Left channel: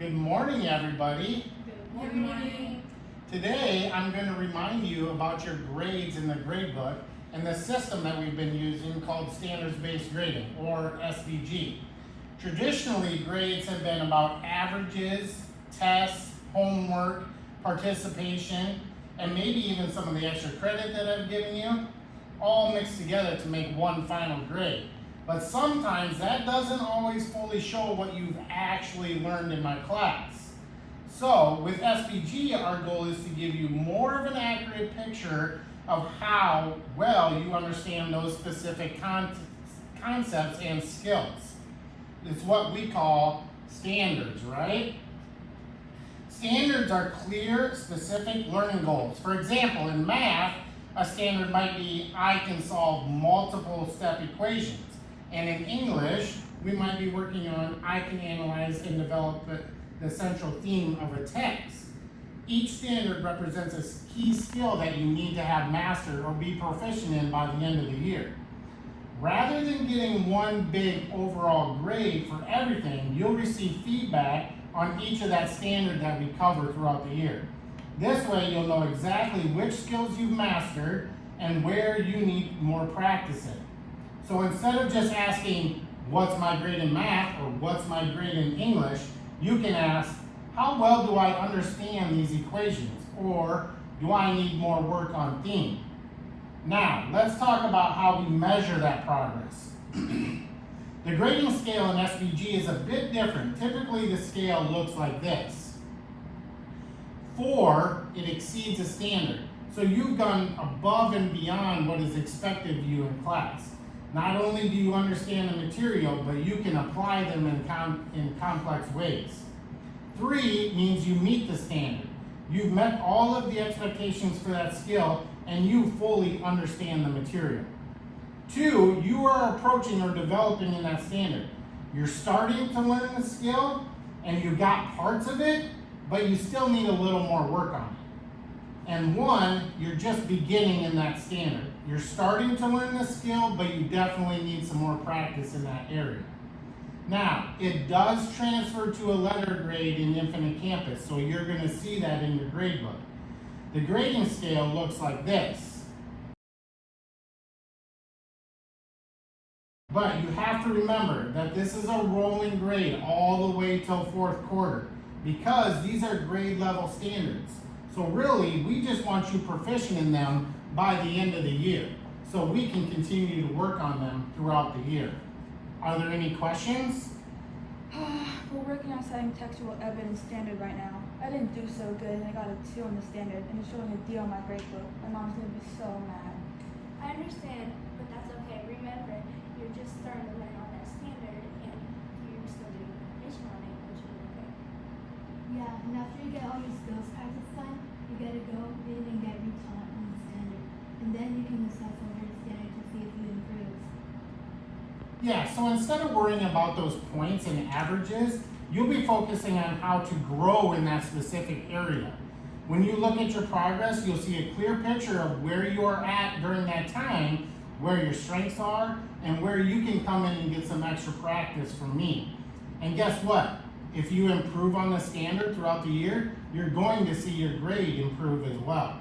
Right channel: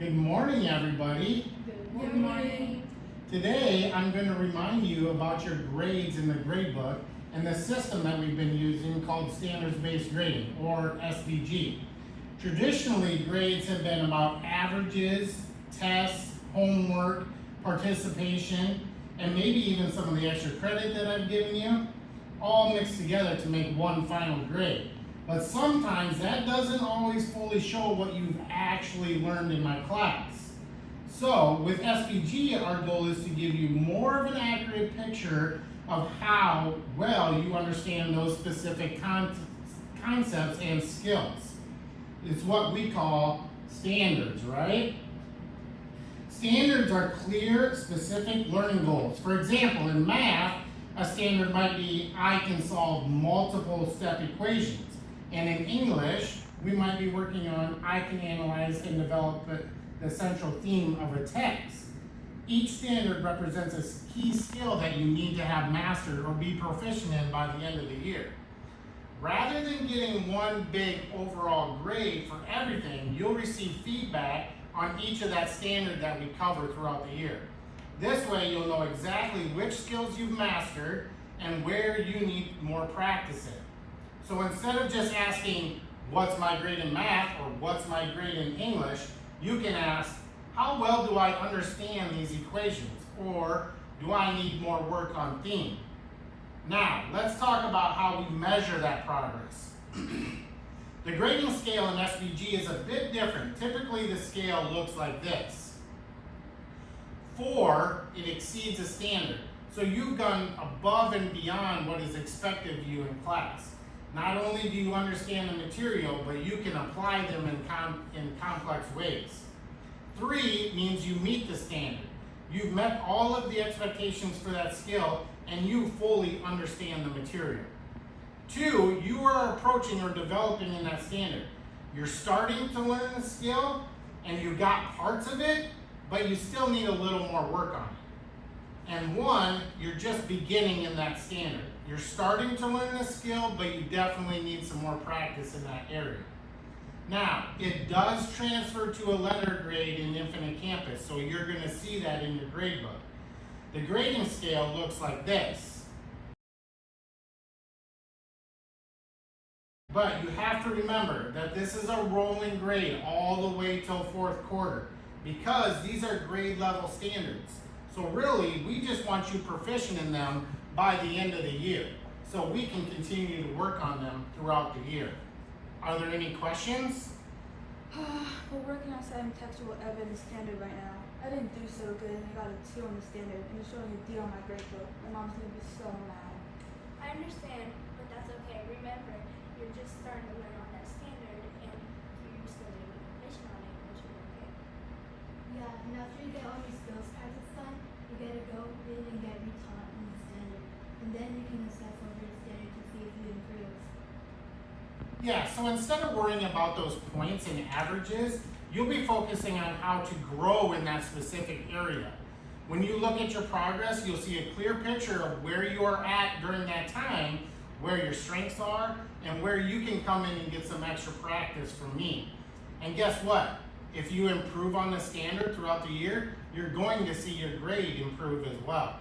Good morning, everybody. Good morning. Today, I'm going to remind you about your grades in the grade book and the system that we've been using called Standards-Based Grading, or SBG. Traditionally, grades have been about averages, tests, homework, participation, and maybe even some of the extra credit that I've given you, all mixed together to make one final grade. But sometimes that doesn't always fully show what you've actually learned in my class. So with SBG, our goal is to give you more of an accurate picture of how well you understand those specific concepts and skills. It's what we call standards, right? Standards are clear, specific learning goals. For example, in math, a standard might be, I can solve multiple step equations. And in English, we might be working on, I can analyze and develop the central theme of a text. Each standard represents a key skill that you need to have mastered or be proficient in by the end of the year. Rather than getting one big overall grade for everything, you'll receive feedback on each of that standard that we cover throughout the year. This way, you'll know exactly which skills you've mastered and where you need more practice in. So instead of just asking, what's my grade in math or what's my grade in English, you can ask, how well do I understand these equations? Or do I need more work on theme? Now, let's talk about how we measure that progress. The grading scale in SBG is a bit different. Typically, the scale looks like this. 4, it exceeds a standard. So you've gone above and beyond what is expected of you in class. Not only do you understand the material, but you can apply them in complex ways. 3 means you meet the standard. You've met all of the expectations for that skill, and you fully understand the material. 2, you are approaching or developing in that standard. You're starting to learn the skill, and you got parts of it, but you still need a little more work on it. And 1, you're just beginning in that standard. You're starting to learn the skill, but you definitely need some more practice in that area. Now, it does transfer to a letter grade in Infinite Campus, so you're going to see that in your grade book. The grading scale looks like this. But you have to remember that this is a rolling grade all the way till 4th quarter, because these are grade level standards. So really, we just want you proficient in them by the end of the year, so we can continue to work on them throughout the year. Are there any questions? We're working on setting textual evidence standard right now. I didn't do so good and I got a 2 on the standard and it's showing a D on my grade book. My mom's gonna be so mad. I understand, but that's okay. Remember, you're just starting to learn on that standard and you're still getting proficient on it, which is okay. Yeah, and after you get all your skills practice done, you gotta go in and get retaught on the standard. And then you can assess over the standard to see if you improve. Yeah, so instead of worrying about those points and averages, you'll be focusing on how to grow in that specific area. When you look at your progress, you'll see a clear picture of where you are at during that time, where your strengths are, and where you can come in and get some extra practice from me. And guess what? If you improve on the standard throughout the year, you're going to see your grade improve as well.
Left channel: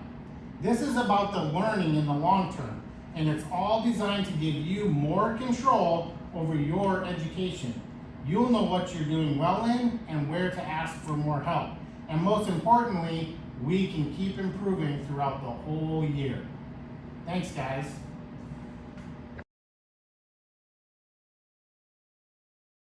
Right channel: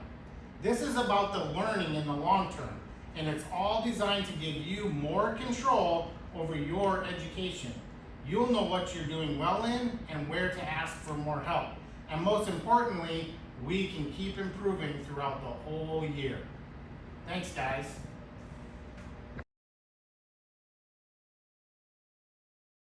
This is about the learning in the long term, and it's all designed to give you more control over your education. You'll know what you're doing well in and where to ask for more help. And most importantly, we can keep improving throughout the whole year. Thanks, guys.